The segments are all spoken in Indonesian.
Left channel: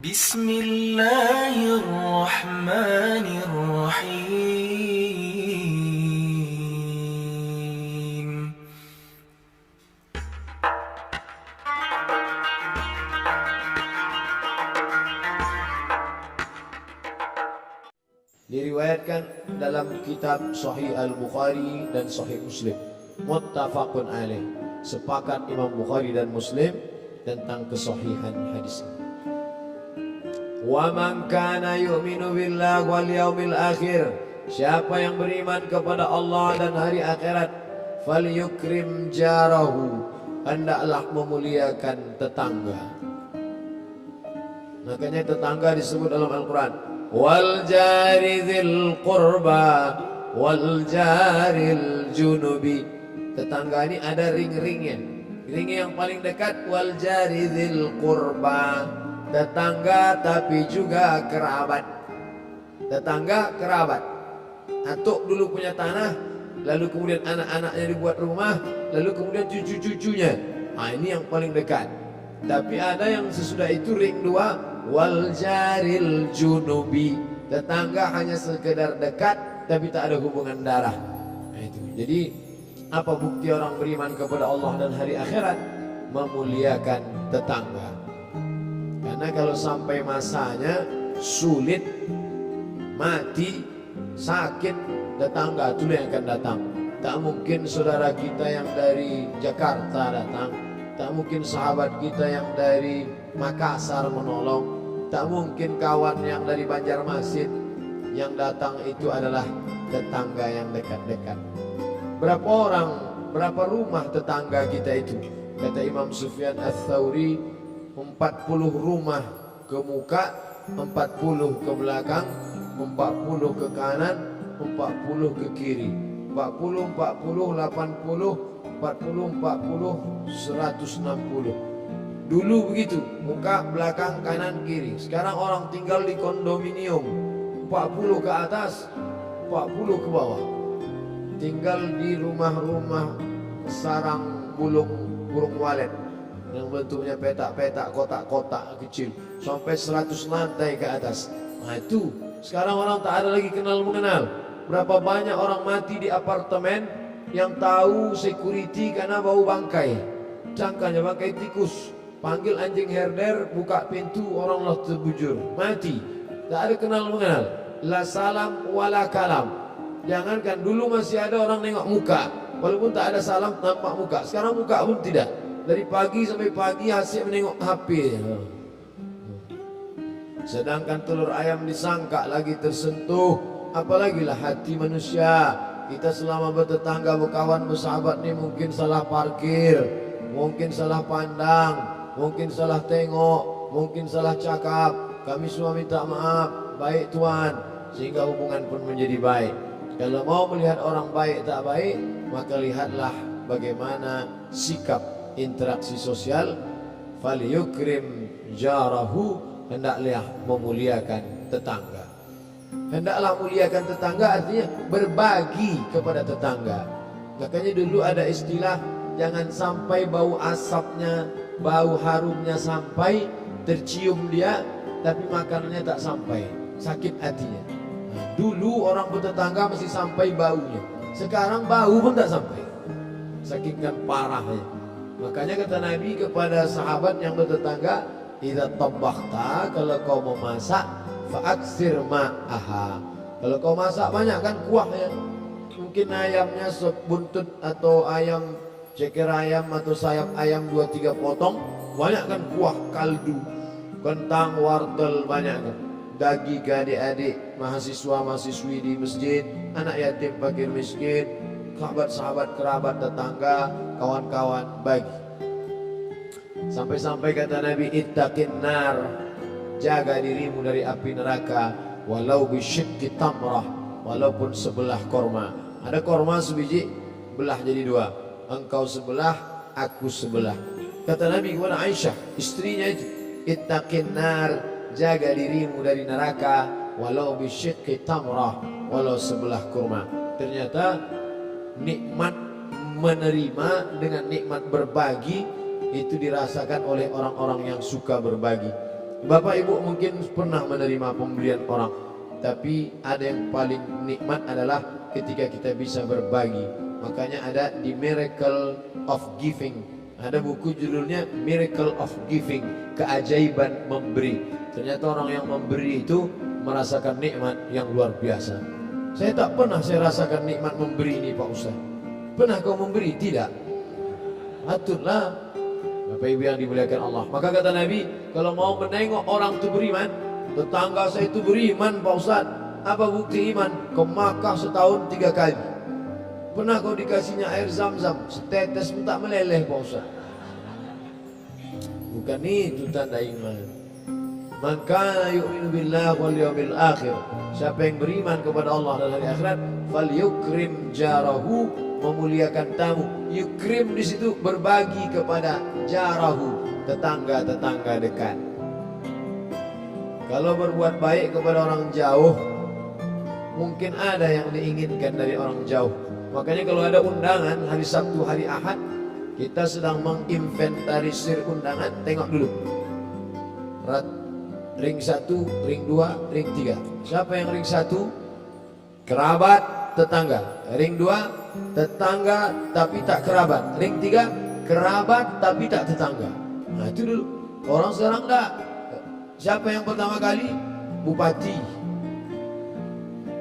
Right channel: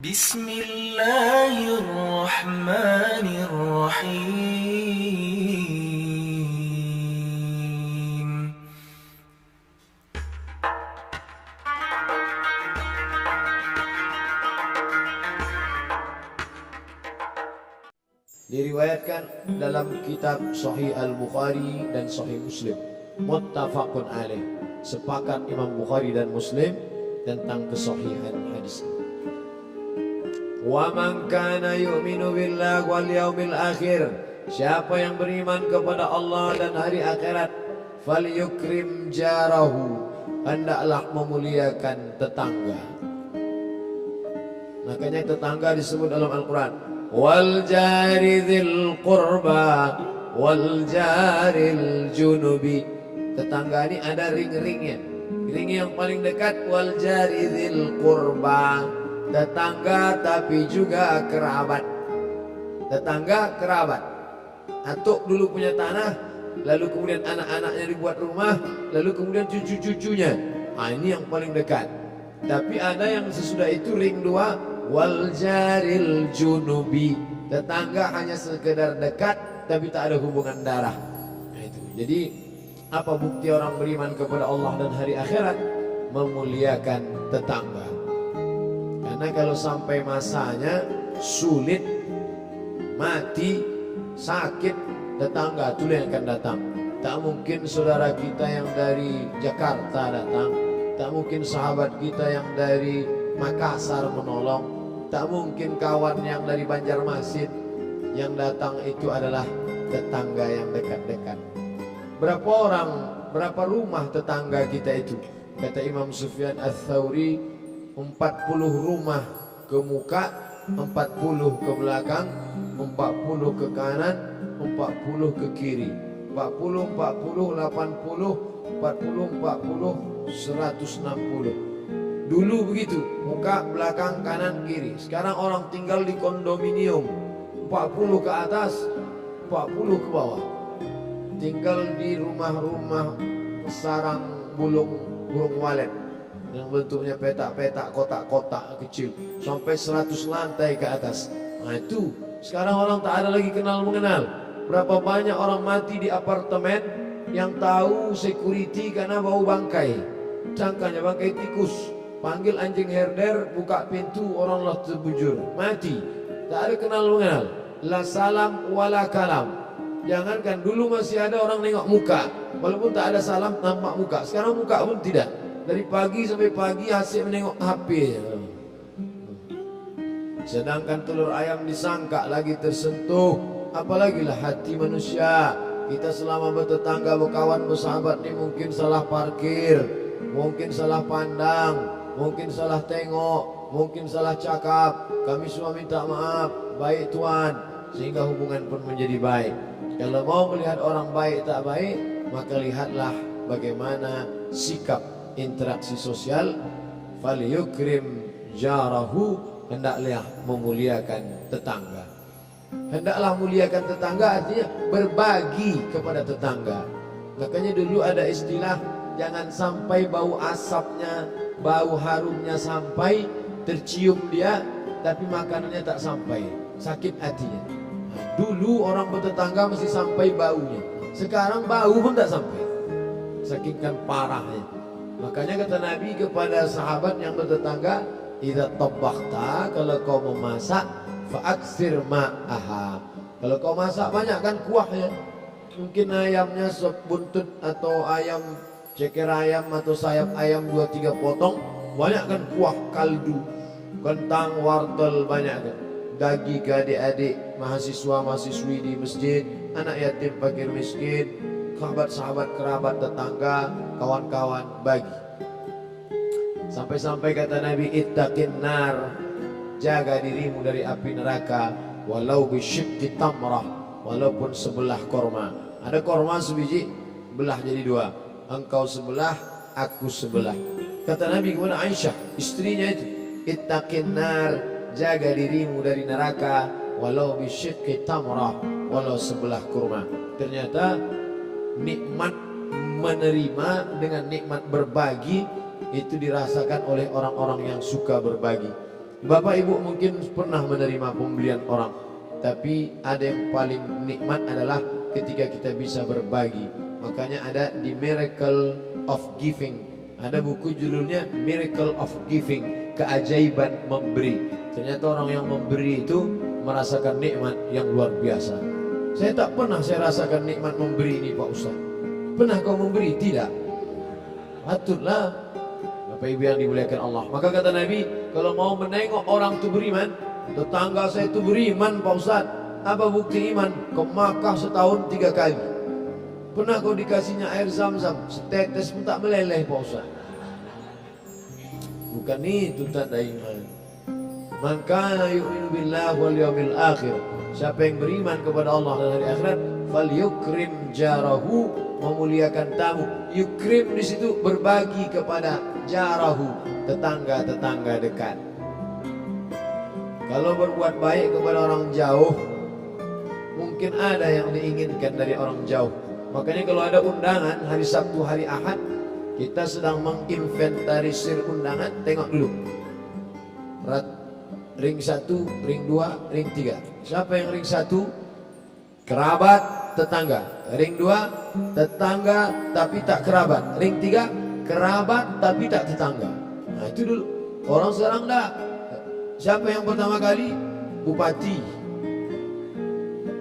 Bismillahirrahmanirrahim. Diriwayatkan dalam kitab Sahih Al-Bukhari dan Sahih Muslim, muttafaqun alaih, sepakat Imam Bukhari dan Muslim tentang kesahihan hadis. Wa man kana yu'minu billahi wal yaumil akhir, siapa yang beriman kepada Allah dan hari akhirat, falyukrim jarahu, hendaklah memuliakan tetangga. Makanya tetangga disebut dalam Al-Quran, wal jari dzil qurba wal jaril junubi. Tetangga ini ada ring-ringnya. Ring yang paling dekat wal jari dzil qurba, tetangga tapi juga kerabat. Tetangga kerabat. Atuk dulu punya tanah, lalu kemudian anak-anaknya dibuat rumah, lalu kemudian cucu-cucunya. Ini yang paling dekat. Tapi ada yang sesudah itu ring dua, wal jaril junubi, tetangga hanya sekedar dekat tapi tak ada hubungan darah. Itu. Jadi apa bukti orang beriman kepada Allah dan hari akhirat? Memuliakan tetangga. Karena kalau sampai masanya sulit, mati, sakit, tetangga itu yang akan datang. Tak mungkin saudara kita yang dari Jakarta datang, tak mungkin sahabat kita yang dari Makassar menolong, tak mungkin kawan yang dari Banjarmasin. Yang datang itu adalah tetangga yang dekat-dekat. Berapa orang, berapa rumah tetangga kita itu? Kata Imam Sufyan Ats-Tsauri, 40 rumah ke muka, 40 ke belakang, 40 ke kanan, 40 ke kiri. 40, 40, 80, 40, 40, 160. Dulu begitu, muka, belakang, kanan, kiri. Sekarang orang tinggal di kondominium, 40 ke atas, 40 ke bawah. Tinggal di rumah-rumah sarang burung walet yang bentuknya petak-petak, kotak-kotak kecil, sampai 100 lantai ke atas. Nah itu, sekarang orang tak ada lagi kenal mengenal. Berapa banyak orang mati di apartemen yang tahu security karena bau bangkai. Cangkanya bangkai tikus. Panggil anjing herder, buka pintu, orang lah terbujur, mati. Tak ada kenal mengenal. La salam wala kalam. Jangankan dulu masih ada orang nengok muka, walaupun tak ada salam nampak muka. Sekarang muka pun tidak. Dari pagi sampai pagi asyik menengok HP. Sedangkan telur ayam disangka lagi tersentuh, apalagilah hati manusia. Kita selama bertetangga, berkawan, bersahabat nih mungkin salah parkir, mungkin salah pandang, mungkin salah tengok, mungkin salah cakap. Kami semua minta maaf, baik Tuhan, sehingga hubungan pun menjadi baik. Kalau mau melihat orang baik tak baik, maka lihatlah bagaimana sikap interaksi sosial. Falyukrim jarahu, hendaklah memuliakan tetangga. Hendaklah muliakan tetangga artinya berbagi kepada tetangga. Makanya dulu ada istilah, jangan sampai bau asapnya, bau harumnya sampai, tercium dia tapi makanannya tak sampai, sakit hatinya. Nah, dulu orang bertetangga masih sampai baunya, sekarang bau pun tak sampai, sakitkan parahnya. Makanya kata Nabi kepada sahabat yang bertetangga, idza tabakhta, kalau kau memasak, fa'aksir ma'aha, kalau kau masak banyak kan kuahnya. Mungkin ayamnya sebuntut atau ayam ceker ayam atau sayap ayam 2-3 potong, banyak kan kuah, kaldu, kentang, wortel, banyak kan. Bagi ke adik-adik, mahasiswa-mahasiswi di masjid, anak yatim fakir miskin, sahabat-sahabat, kerabat, tetangga, kawan-kawan, bagi. Sampai-sampai kata Nabi, ittaqin nar, jaga dirimu dari api neraka, walau bisyikki tamrah, walaupun sebelah korma. Ada korma sebiji, belah jadi 2. Engkau sebelah, aku sebelah. Kata Nabi kepada Aisyah, istrinya itu, ittaqin nar, jaga dirimu dari neraka, walau bisyikki tamrah, walau sebelah kurma. Ternyata nikmat menerima dengan nikmat berbagi itu dirasakan oleh orang-orang yang suka berbagi. Bapak Ibu mungkin pernah menerima pembelian orang, tapi ada yang paling nikmat adalah ketika kita bisa berbagi. Makanya ada The Miracle of Giving. Ada buku judulnya Miracle of Giving, keajaiban memberi. Ternyata orang yang memberi itu merasakan nikmat yang luar biasa. Saya tak pernah saya rasakan nikmat memberi ini Pak Ustaz. Pernah kau memberi? Tidak. Patutlah Bapak Ibu yang dimuliakan Allah. Maka kata Nabi, kalau mau menengok orang itu beriman, tetangga saya itu beriman Pak Ustaz. Apa bukti iman? Kau Makkah setahun 3 kali. Pernah kau dikasihnya air zam-zam, setetes pun tak meleleh Pak Ustaz. Bukan itu tanda iman. Man kana yu'minu billahi wal yawmil akhir. Siapa yang beriman kepada Allah dan hari akhirat, falyukrim jarahu, memuliakan tamu. Yukrim di situ berbagi kepada jarahu, tetangga-tetangga dekat. Kalau berbuat baik kepada orang jauh, mungkin ada yang diinginkan dari orang jauh. Makanya kalau ada undangan hari Sabtu, hari Ahad, kita sedang menginventarisir undangan, tengok dulu. Ring 1, ring 2, ring 3. Siapa yang ring 1? Kerabat, tetangga. Ring 2, tetangga tapi tak kerabat. Ring 3, kerabat tapi tak tetangga. Nah itu dulu. Orang sekarang enggak. Siapa yang pertama kali? Bupati.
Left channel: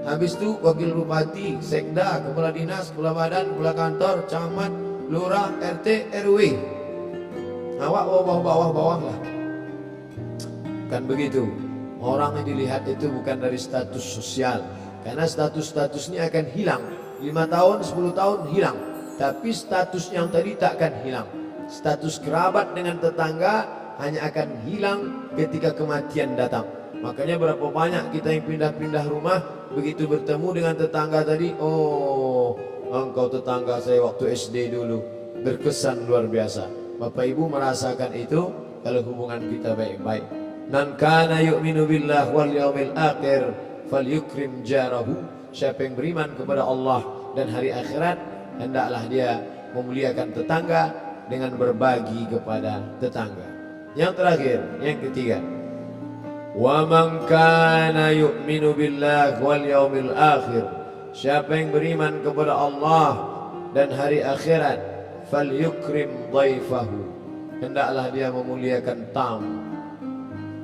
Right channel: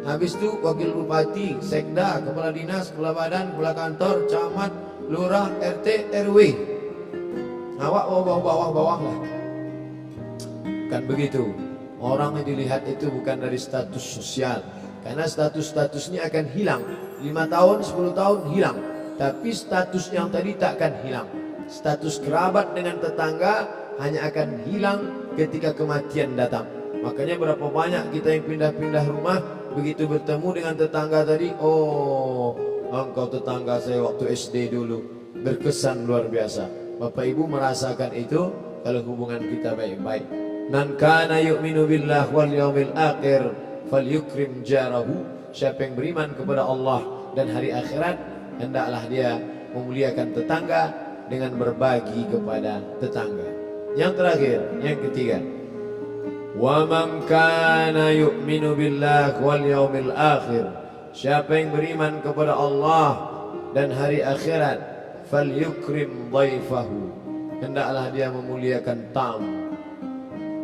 Habis itu wakil bupati, sekda, kepala dinas, kepala badan, kepala kantor, camat, lurah, RT, RW. Awak bawah-bawah lah. Kan begitu. Orang yang dilihat itu bukan dari status sosial. Karena status-status ini akan hilang. 5 tahun, 10 tahun hilang. Tapi status yang tadi tak akan hilang. Status kerabat dengan tetangga hanya akan hilang ketika kematian datang. Makanya berapa banyak kita yang pindah-pindah rumah, begitu bertemu dengan tetangga tadi, oh engkau tetangga saya waktu SD dulu. Berkesan luar biasa. Bapak Ibu merasakan itu kalau hubungan kita baik-baik. Man kana yu'minu billah wal yawmil akhir falyukrim jarahu. Siapa yang beriman kepada Allah dan hari akhirat, hendaklah dia memuliakan tetangga dengan berbagi kepada tetangga. Yang terakhir, yang ketiga, wa man kana yu'minu billah wal yawmil akhir. Siapa yang beriman kepada Allah dan hari akhirat, falyukrim dhaifahu. Hendaklah dia memuliakan tamu.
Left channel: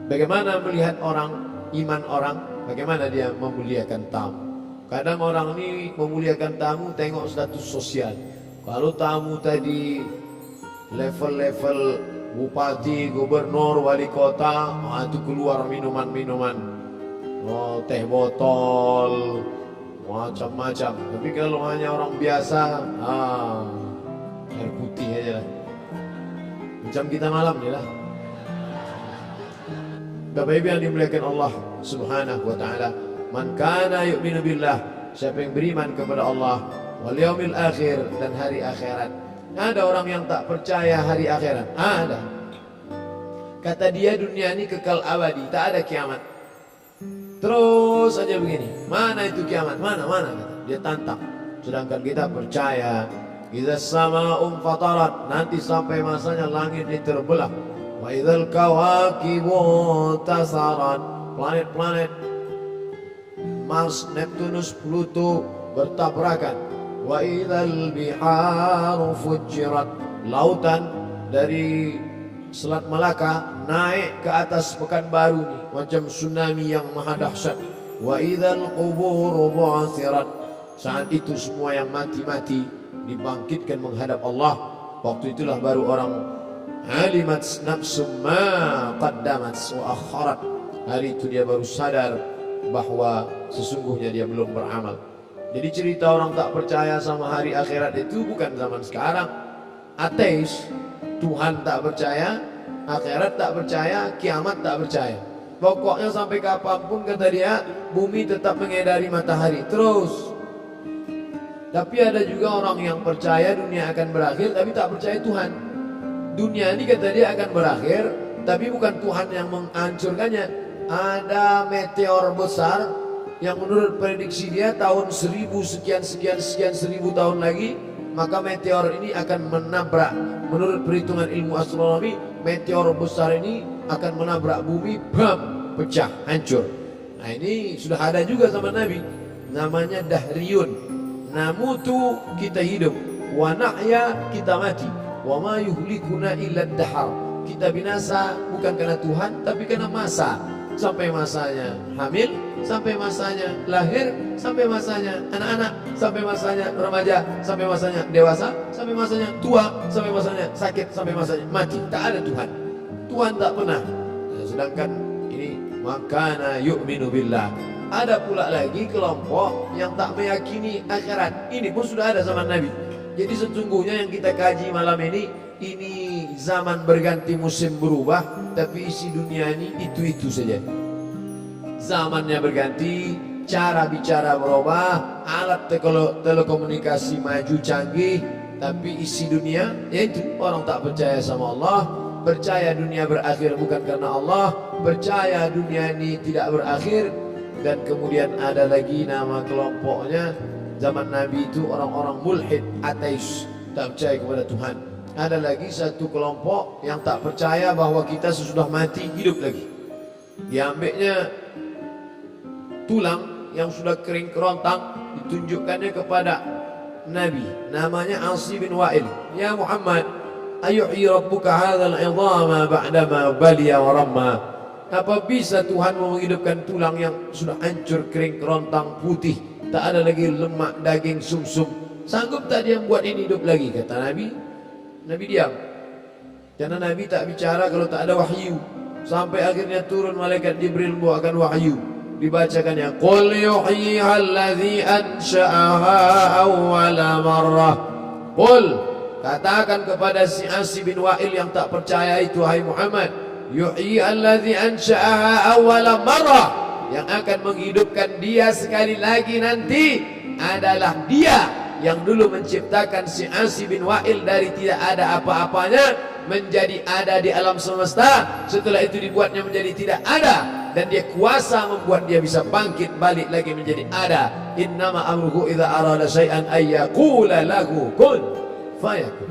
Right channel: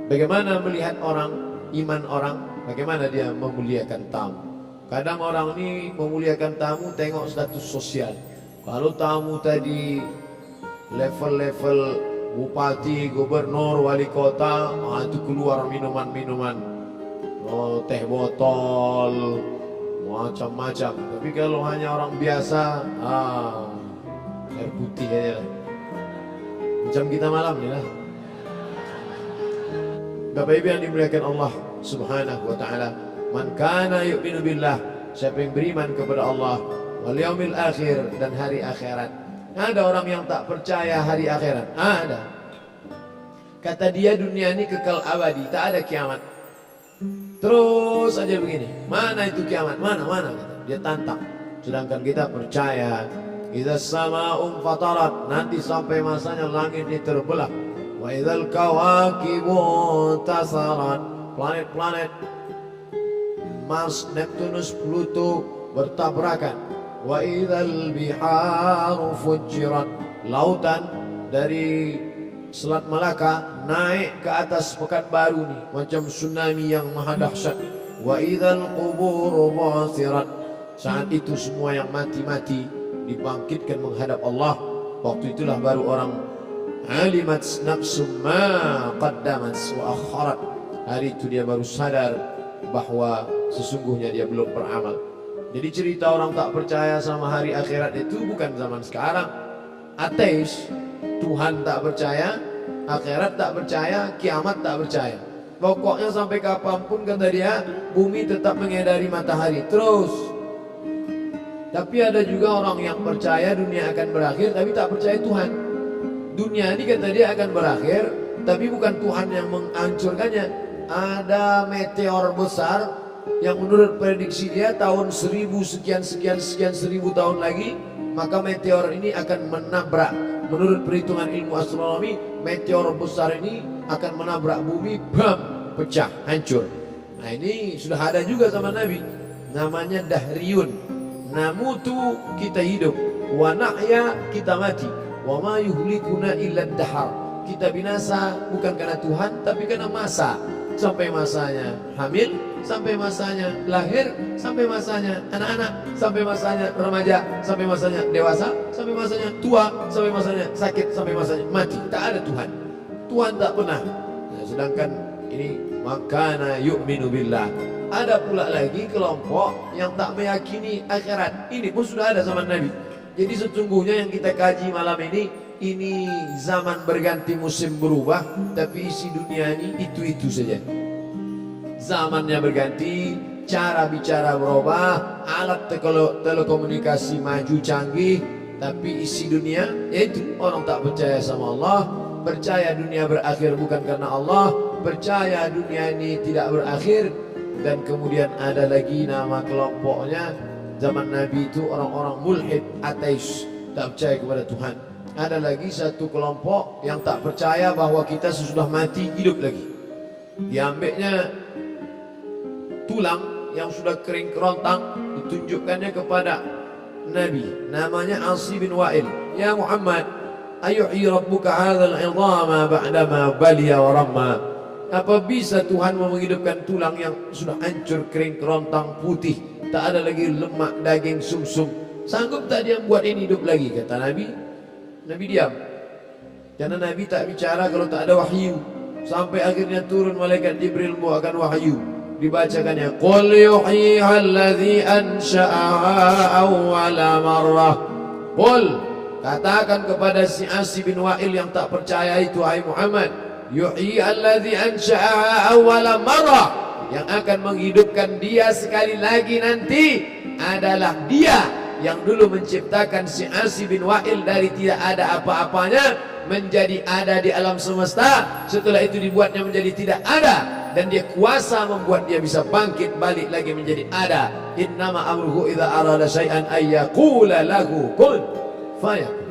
Bagaimana melihat orang, iman orang, bagaimana dia memuliakan tamu. Kadang orang ini memuliakan tamu tengok status sosial. Kalau tamu tadi level-level bupati, gubernur, wali kota, itu keluar minuman-minuman, teh botol, macam-macam. Tapi kalau hanya orang biasa, air putih aja lah. Macam kita malam ni lah. Bapak Ibu yang dimuliakan Allah Subhanahu wa taala, man kana yu'minu billah, siapa yang beriman kepada Allah, wal yaumil akhir, dan hari akhirat. Ada orang yang tak percaya hari akhirat. Ada. Kata dia dunia ini kekal abadi, tak ada kiamat. Terus aja begini. Mana itu kiamat? Mana? Kata. Dia tantang. Sedangkan kita percaya, idza sama'un fatarat, nanti sampai masanya langit ini terbelah. Wa idzal kawakibu tasarat, planet-planet Mars, Neptunus, Pluto bertabrakan. Wa idzal biharu fujirat, lautan dari Selat Malaka naik ke atas Pekanbaru nih, macam tsunami yang maha dahsyat. Wa idzal quburu bu'thirat, saat itu semua yang mati-mati dibangkitkan menghadap Allah. Waktu itulah baru orang alimat nafsum ma qaddamat wa akharat. Hari itu dia baru sadar bahwa sesungguhnya dia belum beramal. Jadi cerita orang tak percaya sama hari akhirat itu bukan zaman sekarang. Ateis, Tuhan tak percaya, akhirat tak percaya, kiamat tak percaya. Pokoknya sampai kapanpun kata dia, bumi tetap mengedari matahari terus. Tapi ada juga orang yang percaya dunia akan berakhir tapi tak percaya Tuhan. Dunia ini kata dia akan berakhir, tapi bukan Tuhan yang menghancurkannya. Ada meteor besar yang menurut prediksi dia tahun 1000 sekian seribu tahun lagi, maka meteor ini akan menabrak. Menurut perhitungan ilmu astronomi, meteor besar ini akan menabrak bumi, bam, pecah, hancur. Nah ini sudah ada juga zaman Nabi, namanya dahriyun. Namutu, kita hidup, wa nahya, kita mati, wa ma yuhlikuna illa dahar. Kita binasa bukan karena Tuhan tapi karena masa. Sampai masanya hamil, sampai masanya lahir, sampai masanya anak-anak, sampai masanya remaja, sampai masanya dewasa, sampai masanya tua, sampai masanya sakit, sampai masanya mati. Tak ada Tuhan. Tuhan tak pernah. Nah, sedangkan ini makana yu'minu billah. Ada pula lagi kelompok yang tak meyakini akhirat. Ini pun sudah ada zaman Nabi. Jadi sesungguhnya yang kita kaji malam ini zaman berganti, musim berubah, tapi isi dunia ini itu-itu saja. Zamannya berganti, cara bicara berubah, alat telekomunikasi maju canggih, tapi isi dunia yaitu orang tak percaya sama Allah, percaya dunia berakhir bukan karena Allah, percaya dunia ini tidak berakhir. Dan kemudian ada lagi nama kelompoknya zaman Nabi itu orang-orang mulhid, ateis, tak percaya kepada Tuhan. Ada lagi satu kelompok yang tak percaya bahwa kita sesudah mati hidup lagi. Diambilnya tulang yang sudah kering kerontang, ditunjukkannya kepada Nabi, namanya Asi bin Wa'il. Ya Muhammad, ayuhyi rabbuka hadzal 'idhama ba'dama baliya wa ramma. Apa bisa Tuhan menghidupkan tulang yang sudah hancur, kering kerontang, putih, tak ada lagi lemak, daging, sumsum? Sanggup tak dia buat ini hidup lagi? Kata Nabi. Nabi diam, karena Nabi tak bicara kalau tak ada wahyu. Sampai akhirnya turun malaikat Jibril membawakan wahyu, dibacakannya qul yuhyiha alladzi ansha'aha awwala marrah. Qul, katakan kepada si Asi bin Wa'il yang tak percaya itu, hai Muhammad, yuhyiha alladzi ansha'aha awwala marrah, yang akan menghidupkan dia sekali lagi nanti adalah dia yang dulu menciptakan si Asi bin Wa'il dari tidak ada apa-apanya menjadi ada di alam semesta. Setelah itu dibuatnya menjadi tidak ada, dan dia kuasa membuat dia bisa bangkit balik lagi menjadi ada. Innama amruhu idza arada syai'an ayyaqula lahu kun fayakun.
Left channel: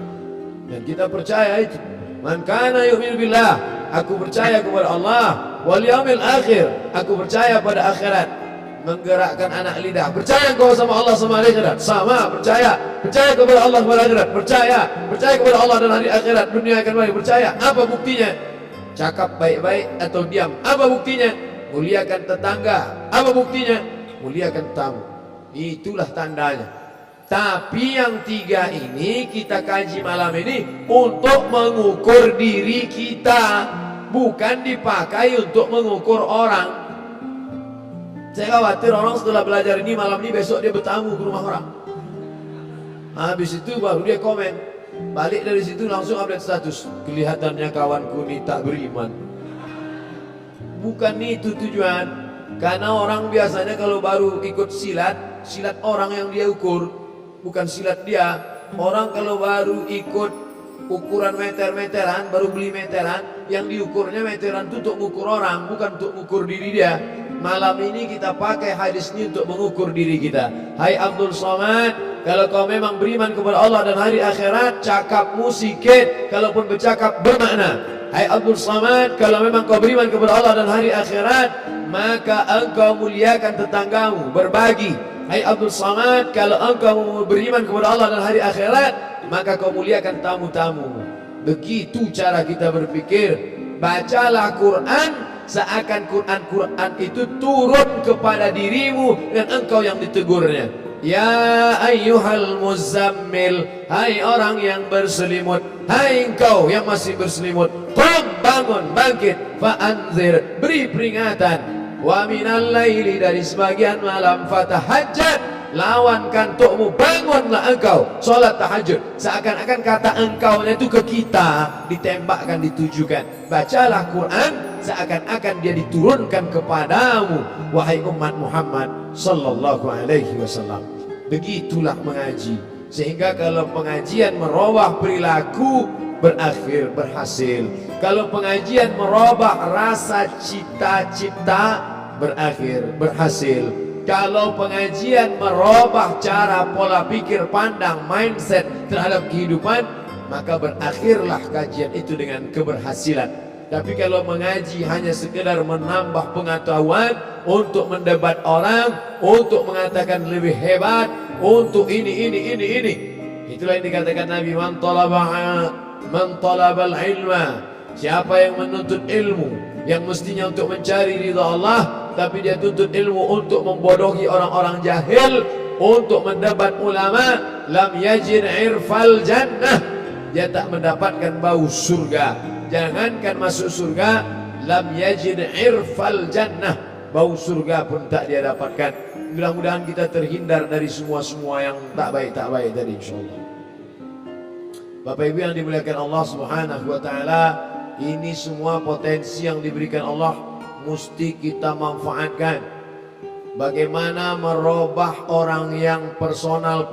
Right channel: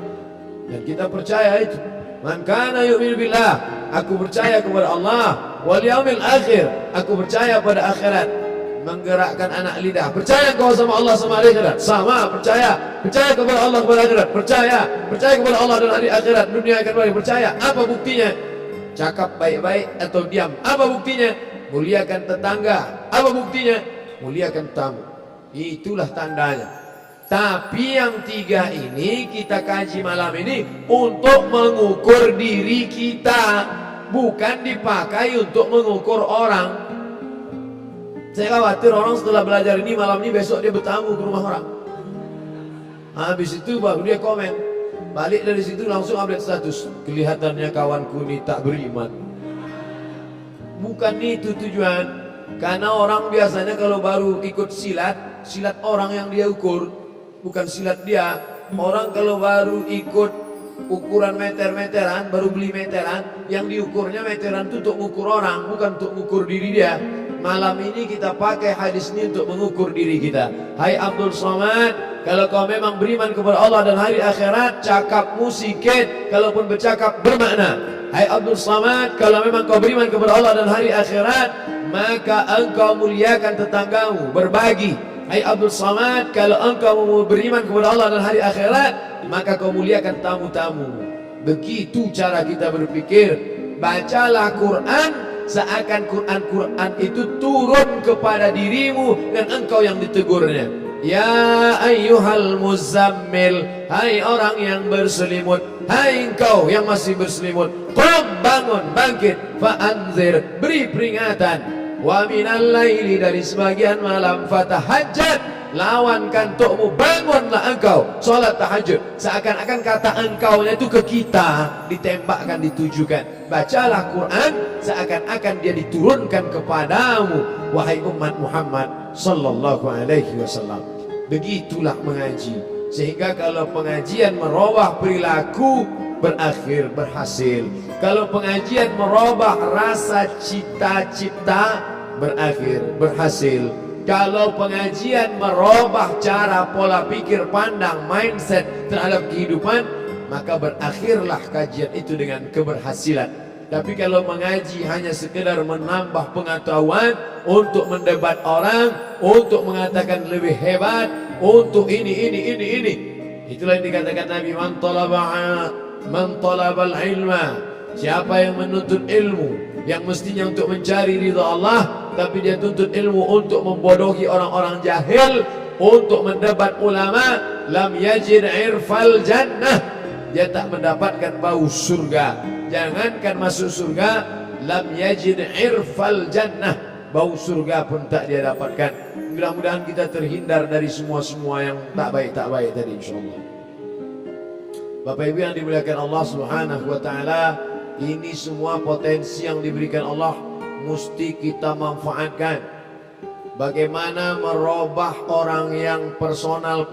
Dan kita percaya itu. Man kana yu'minu billah, aku percaya kepada Allah, wal yaumil akhir, aku percaya pada akhirat. Menggerakkan anak lidah, percaya engkau sama Allah sama hari akhirat? Sama, percaya. Percaya kepada Allah kepada akhirat? Percaya. Percaya kepada Allah dan hari akhirat, dunia akan baik? Percaya. Apa buktinya? Cakap baik-baik atau diam? Apa buktinya? Muliakan tetangga. Apa buktinya? Muliakan tamu. Itulah tandanya. Tapi yang tiga ini kita kaji malam ini untuk mengukur diri kita, bukan dipakai untuk mengukur orang. Saya khawatir orang setelah belajar ini malam ini besok dia bertamu ke rumah orang. Habis itu baru dia komen. Balik dari situ langsung update status. Kelihatannya kawanku ini tak beriman. Bukan itu tujuan. Karena orang biasanya kalau baru ikut silat, silat orang yang dia ukur, bukan silat dia. Orang kalau baru ikut ukuran meter-meteran, baru beli meteran, yang diukurnya meteran itu untuk mengukur orang, bukan untuk mengukur diri dia. Malam ini kita pakai hadis ini untuk mengukur diri kita. Hai Abdul Somad, kalau kau memang beriman kepada Allah dan hari akhirat, cakapmu sikit, kalaupun bercakap bermakna. Hai Abdul Somad, kalau memang kau beriman kepada Allah dan hari akhirat, maka engkau muliakan tetanggamu, berbagi. Hai Abdul Somad, kalau engkau beriman kepada Allah dan hari akhirat, maka kau muliakan tamu-tamu. Begitu cara kita berpikir. Bacalah Quran seakan Quran itu turun kepada dirimu dan engkau yang ditegurnya. Ya ayyuhal muzammil, hai orang yang berselimut, hai engkau yang masih berselimut, qum, bangun, bangkit, fa'anzir, beri peringatan, wa minal laili, dari sebagian malam, fatahajjad, lawan kantukmu, bangunlah engkau solat tahajud. Seakan-akan kata engkaunya itu ke kita, ditembakkan, ditujukan. Bacalah Quran seakan-akan dia diturunkan kepadamu, wahai umat Muhammad sallallahu alaihi wasallam. Begitulah mengaji. Sehingga kalau pengajian merubah perilaku, berakhir berhasil. Kalau pengajian merubah rasa cita-cipta, berakhir berhasil. Kalau pengajian merubah cara pola pikir, pandang, mindset terhadap kehidupan, maka berakhirlah kajian itu dengan keberhasilan. Tapi kalau mengaji hanya sekedar menambah pengetahuan, untuk mendebat orang, untuk mengatakan lebih hebat, untuk ini. Itulah yang dikatakan Nabi, man talabal ilma, siapa yang menuntut ilmu yang mestinya untuk mencari ridha Allah, tapi dia tuntut ilmu untuk membodohi orang-orang jahil, untuk mendebat ulama, lam yajid irfal jannah, dia tak mendapatkan bau surga. Jangankan masuk surga, lam yajid irfal jannah, bau surga pun tak dia dapatkan. Mudah-mudahan kita terhindar dari semua yang tak baik tadi, insyaallah. Bapak Ibu yang dimuliakan Allah Subhanahu wa taala, ini semua potensi yang diberikan Allah mesti kita manfaatkan. Bagaimana merubah orang yang personal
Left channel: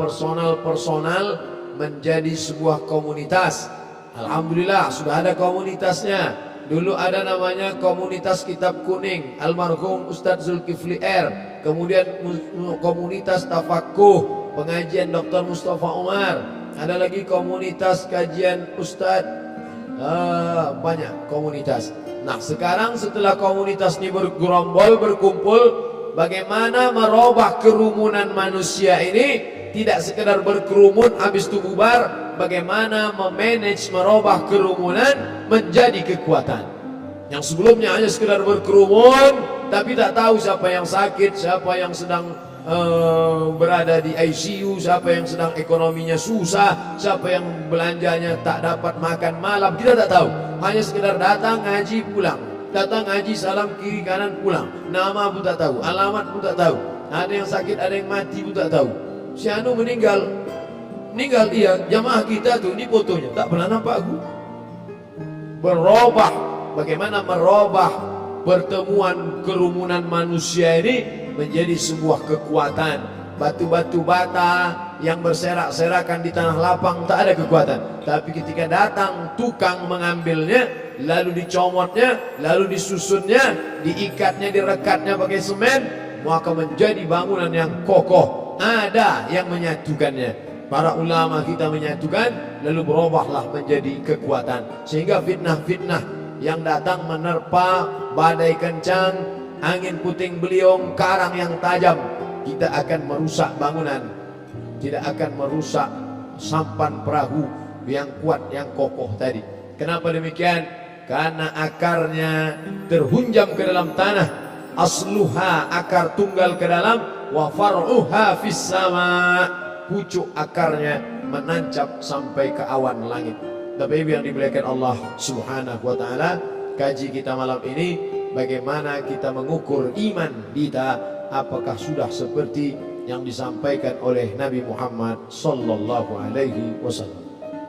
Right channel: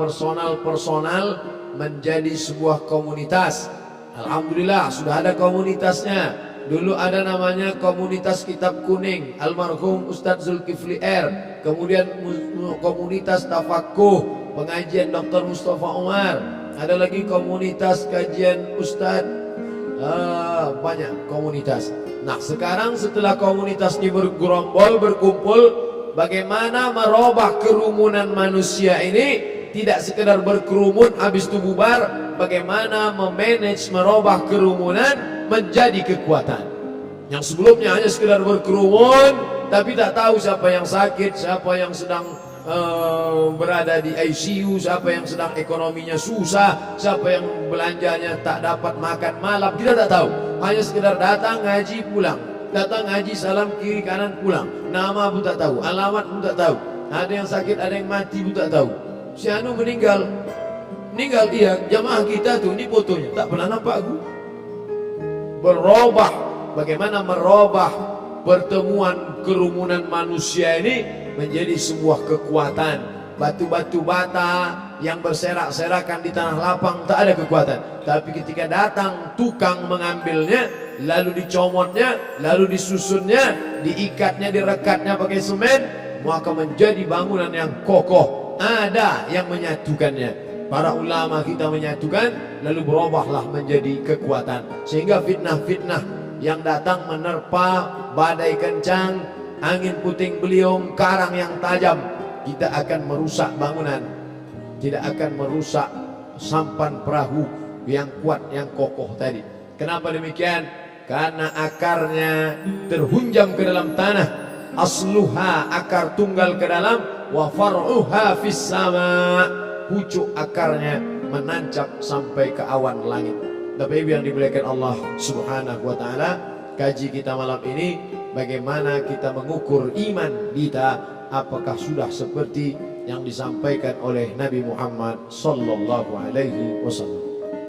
menjadi sebuah komunitas. Alhamdulillah sudah ada komunitasnya. Dulu ada namanya komunitas kitab kuning, almarhum Ustadz Zulkifli R. Kemudian komunitas tafakuh, pengajian Dr. Mustafa Umar. Ada lagi komunitas kajian Ustadz. Banyak komunitas. Nah sekarang setelah komunitas ini bergerombol, berkumpul, bagaimana merubah kerumunan manusia ini tidak sekedar berkerumun habis itu bubar. Bagaimana memanage, merubah kerumunan menjadi kekuatan. Yang sebelumnya hanya sekedar berkerumun, tapi tak tahu siapa yang sakit, siapa yang sedang berada di ICU, siapa yang sedang ekonominya susah, siapa yang belanjanya tak dapat makan malam, kita tak tahu. Hanya sekedar datang ngaji pulang, datang ngaji salam kiri kanan pulang, nama pun tak tahu, alamat pun tak tahu, ada yang sakit, ada yang mati pun tak tahu. Si anu meninggal iya, jamaah kita tuh, ini fotonya, tak pernah nampak aku. Berubah, bagaimana merubah pertemuan kerumunan manusia ini menjadi sebuah kekuatan. Batu-batu bata yang berserak-serakan di tanah lapang tak ada kekuatan, tapi ketika datang tukang mengambilnya, lalu dicomotnya, lalu disusunnya, diikatnya, direkatnya pakai semen, maka menjadi bangunan yang kokoh. Ada yang menyatukannya. Para ulama kita menyatukan, lalu berubahlah menjadi kekuatan. Sehingga fitnah-fitnah yang datang menerpa, badai kencang, angin puting beliung, karang yang tajam, kita akan merusak bangunan, tidak akan merusak sampan perahu yang kuat, yang kokoh tadi. Kenapa demikian? Karena akarnya terhunjam ke dalam tanah. Asluha, akar tunggal ke dalam, wa far'uha fis sama, pucuk akarnya menancap sampai ke awan langit. Bapak Ibu yang dimuliakan Allah Subhanahu wa taala, kaji kita malam ini bagaimana kita mengukur iman kita, apakah sudah seperti yang disampaikan oleh Nabi Muhammad sallallahu alaihi wasallam.